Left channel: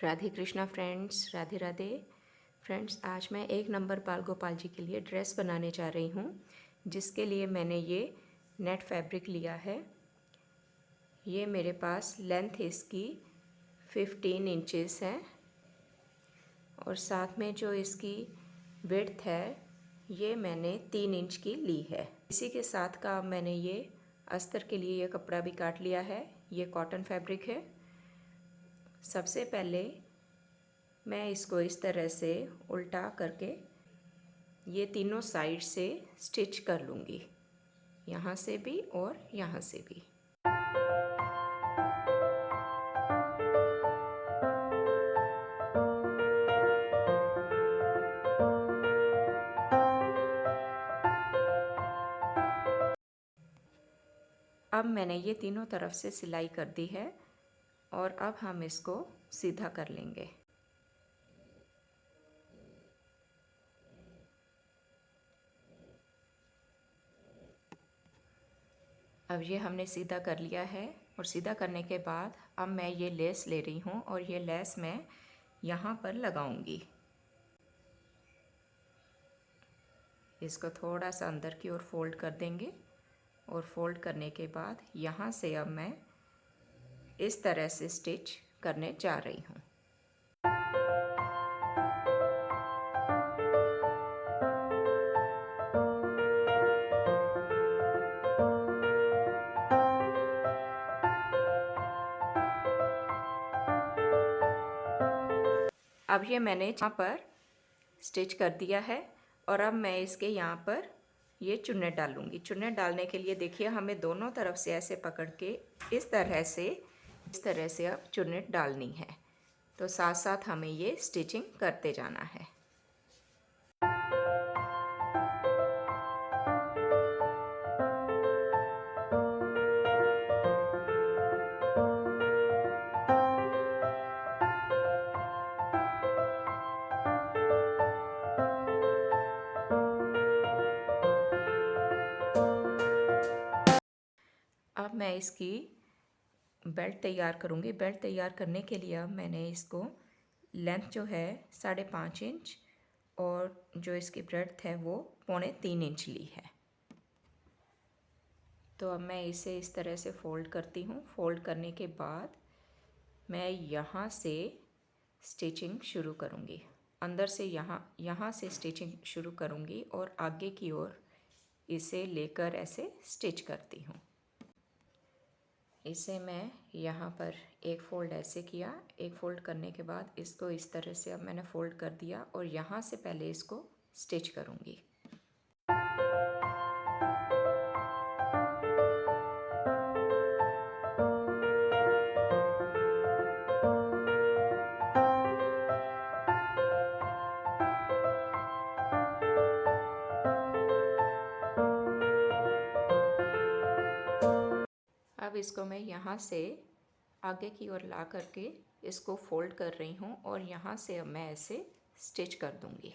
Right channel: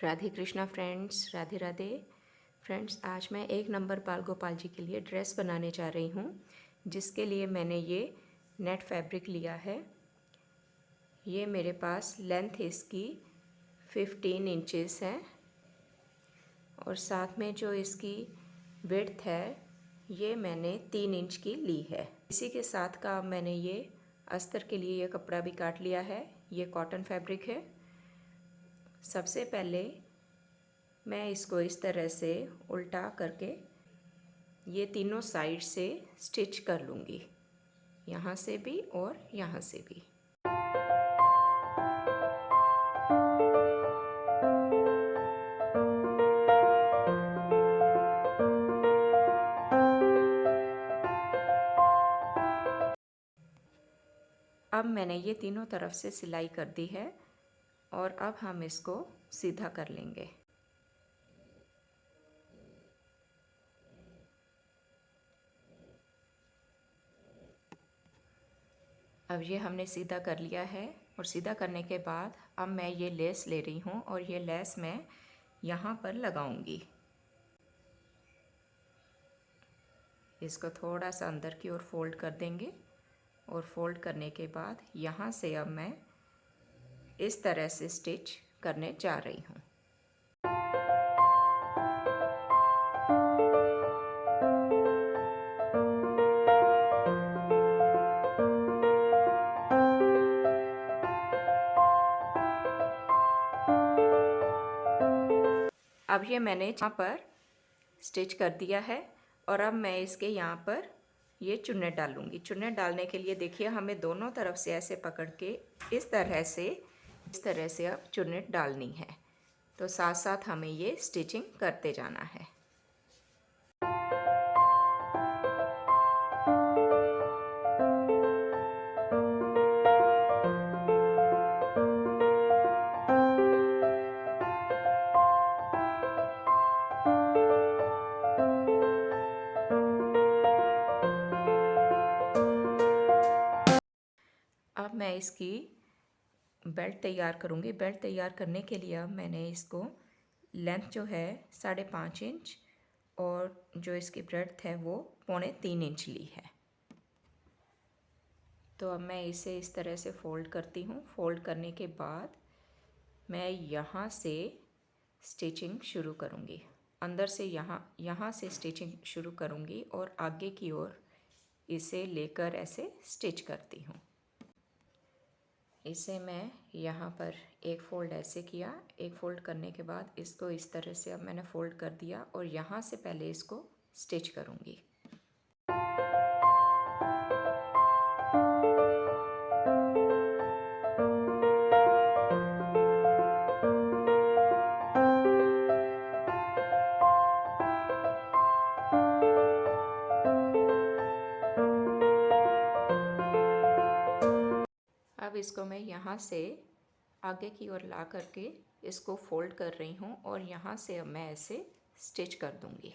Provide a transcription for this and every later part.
Radhe Krishna friends, Radhe Radhe friends. आज मैं 1 number बाल गोपाल जी के लिए ड्रेस बनाने जा रही हूँ, जिसके लिए मैंने ये नेट फैब्रिक लिया है। ये मेरे पास लेंथ इसकी 15 इंचेस है और साथ में जो इसकी विड्थ है ये मैंने 3 इंच की ली है। इसी के साथ का मैंने ये अस्तर के लिए ये कपड़ा भी काट लिया है। ये कॉटन फैब्रिक है। सबसे पहले मैं इसको इस तरह से उल्टा करके ये तीनों साइड से स्टिच कर लूँगी, यहाँ से भी और यहाँ से भी। अब मैंने ये तीनों तरफ से सिलाई कर दी है और अब हम इसको सीधा कर लेंगे। अब ये हमने सीधा कर लिया है और सीधा करने के बाद अब मैं ये लेस ले रही हूँ और ये लेस मैं यहाँ पर लगाऊंगी। इसको थोड़ा सा अंदर की ओर फोल्ड कर देंगे और फोल्ड करने के बाद यहाँ से अब मैं इस तरह से स्टिच करने जा रही हूँ। अब ये मैंने यहाँ पर स्टिच कर दिया है और अब मैं इसके यहाँ पर ये चुन्नट डालूँगी। चुन्नट डालने के लिए देखिए हमें दोनों तरफ से ऐसे पकड़ के इस तरह से अब चुन्नट डालनी है। तो साथ साथ हमें ये स्टिचिंग करते जाना है। अब मैं इसकी बेल्ट तैयार करूँगी। बेल्ट तैयार करने के लिए अब मैंने इसको लेंथ जो है 5.5 इंच और जो इसकी ब्रेड्थ है वो 2.25 इंच ली है। तो अब मैं इसे इस तरह से फ़ोल्ड करती हूँ। फ़ोल्ड करने के बाद मैं यहाँ से स्टिचिंग शुरू करूँगी। अंदर से यहाँ से स्टिचिंग शुरू करूँगी और आगे की ओर इसे लेकर ऐसे स्टिच करती हूँ। इसे मैं यहाँ पर एक फ़ोल्ड ऐसे किया, एक फ़ोल्ड करने के बाद इसको इस तरह से अब मैंने फ़ोल्ड कर दिया और यहाँ से पहले इसको स्टिच करूँगी। अब इसको मैं यहाँ से आगे की ओर ला करके इसको फोल्ड कर रही हूँ और यहाँ से अब मैं ऐसे स्टिच कर दूँगी।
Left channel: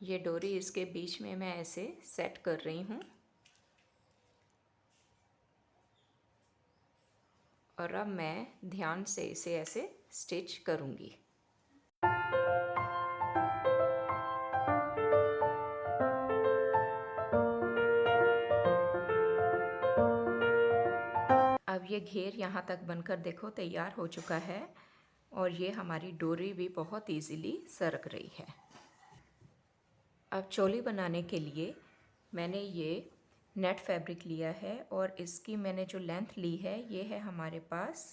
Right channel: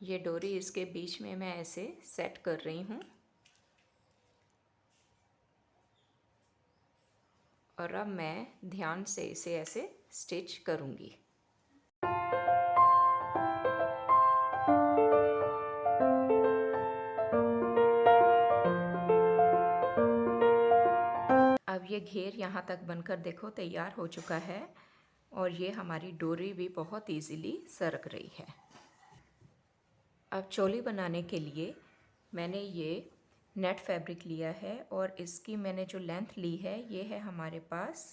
ये डोरी इसके बीच में मैं ऐसे सेट कर रही हूँ और अब मैं ध्यान से इसे ऐसे स्टिच करूँगी। अब ये घेर यहाँ तक बनकर देखो तैयार हो चुका है और ये हमारी डोरी भी बहुत इजीली सरक रही है। अब चोली बनाने के लिए मैंने ये नेट फैब्रिक लिया है और इसकी मैंने जो लेंथ ली है ये है हमारे पास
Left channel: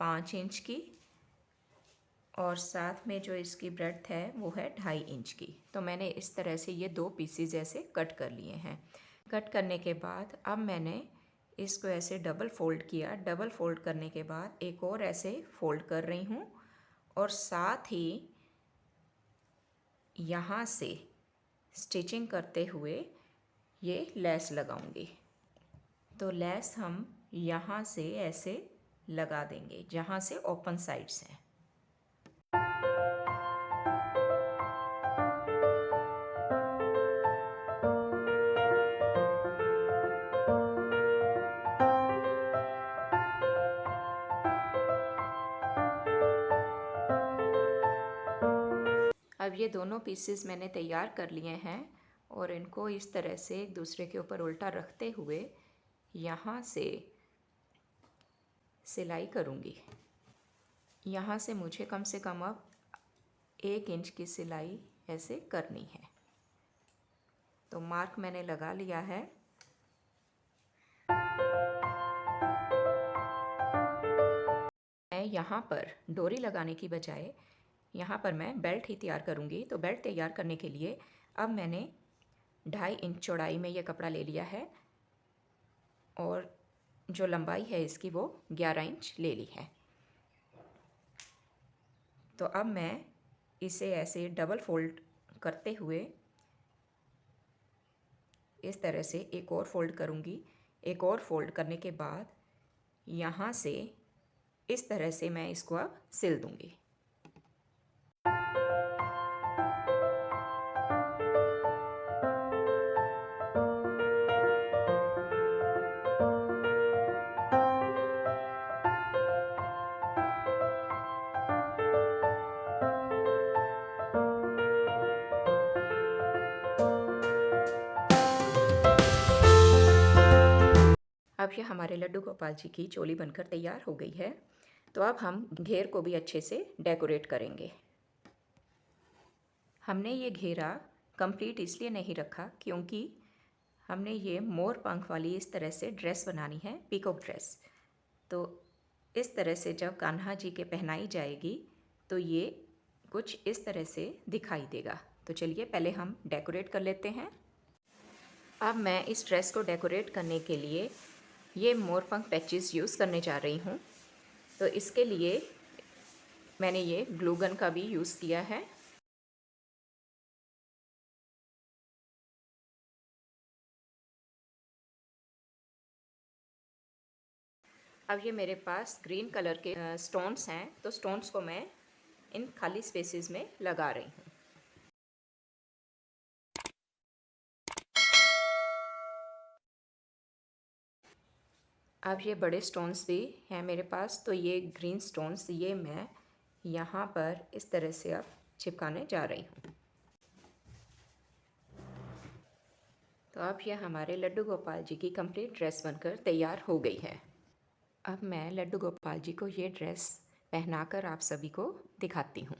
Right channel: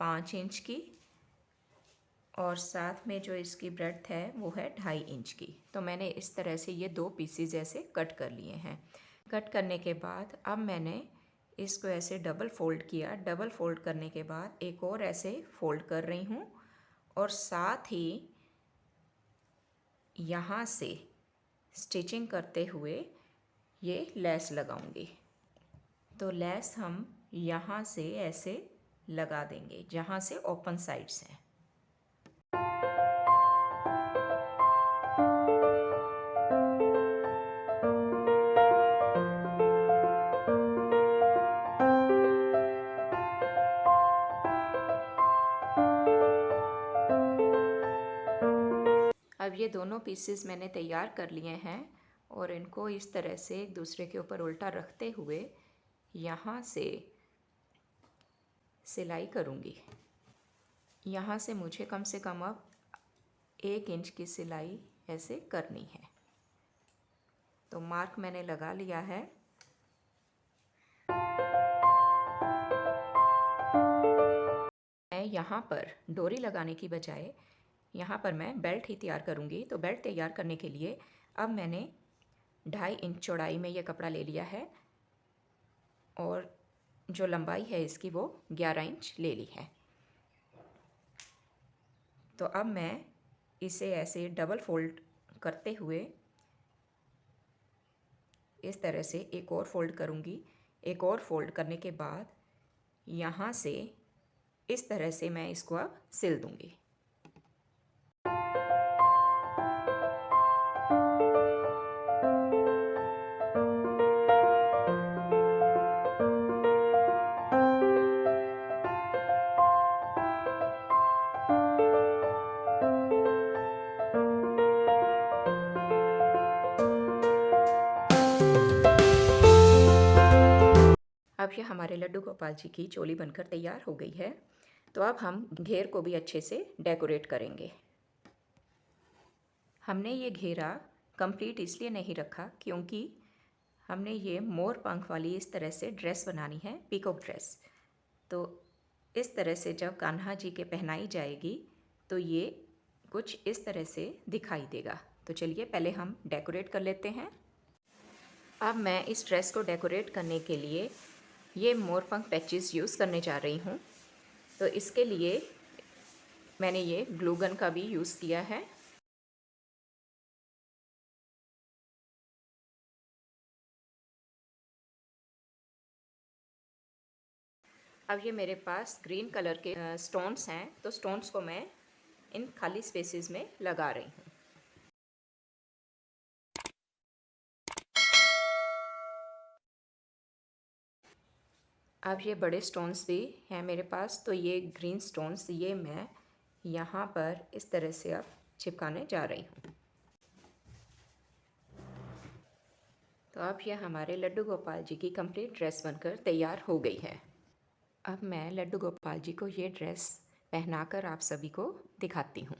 5 इंच की और साथ में जो इसकी ब्रेड्थ है वो है 2.5 इंच की। तो मैंने इस तरह से ये 2 पीसीज ऐसे कट कर लिए हैं। कट करने के बाद अब मैंने इसको ऐसे डबल फोल्ड किया। डबल फोल्ड करने के बाद एक और ऐसे फोल्ड कर रही हूँ और साथ ही यहाँ से स्टिचिंग करते हुए ये लेस लगाऊंगी। तो लेस हम यहाँ से ऐसे लगा देंगे जहाँ से ओपन साइड्स हैं। अब ये दोनों पीसेस मैंने तैयार कर लिए हैं और इनको इस तरह से एक दूसरे के ऊपर उल्टा रखते हुए यहाँ से सिलाई करूँगी। यहाँ से मुझे कम से कम अब 1 इंच की सिलाई ऐसे करनी है। तो मार्क मैंने लगा लिया है। मैं यहाँ पर डोरी लगाने की बजाय यहाँ पर मैं बेल्ट ही तैयार करूँगी। तो बेल्ट तैयार करने के लिए अब मैंने 2.5 इंच चौड़ाई में ये कपड़ा ले लिया है और जो लंबाई है इसकी वो 11 इंच ले ली है। तो अब मैं इसे ऐसे डबल फोल्ड करते हुए इस तरह से एक और फोल्ड करूँगी। एक और फोल्ड करने के बाद यहाँ से इस तरह से मैं इसको अब सिल दूँगी। अब ये हमारे लड्डू गोपाल जी की चोली बनकर तैयार हो गई है। तो अब हम घेर को भी अच्छे से डेकोरेट करेंगे। हमने ये घेरा कंप्लीट इसलिए नहीं रखा क्योंकि हमने ये मोर पंख वाली इस तरह से ड्रेस बनानी है, पीकॉक ड्रेस। तो इस तरह से जब कान्हा जी के पहनाई जाएगी तो ये कुछ इस तरह से दिखाई देगा। तो चलिए पहले हम डेकोरेट कर लेते हैं। अब मैं इस ड्रेस को डेकोरेट करने के लिए ये मोरपंख पैचेस यूज़ करने जा रही हूँ। तो इसके लिए मैंने ये ग्लू गन का भी यूज़ किया है। अब ये मेरे पास ग्रीन कलर के स्टोन्स हैं, तो स्टोन्स को मैं इन खाली स्पेसेस में लगा रही हूँ। अब ये बड़े स्टोन्स भी हैं मेरे पास, तो ये ग्रीन स्टोन्स ये मैं यहाँ पर इस तरह से अब चिपकाने जा रही हूँ। तो अब ये हमारे लड्डू गोपाल जी की कंप्लीट ड्रेस बनकर तैयार हो गई है। अब मैं लड्डू गोपाल जी को ये ड्रेस पहनाकर आप सभी को दिखाती हूँ।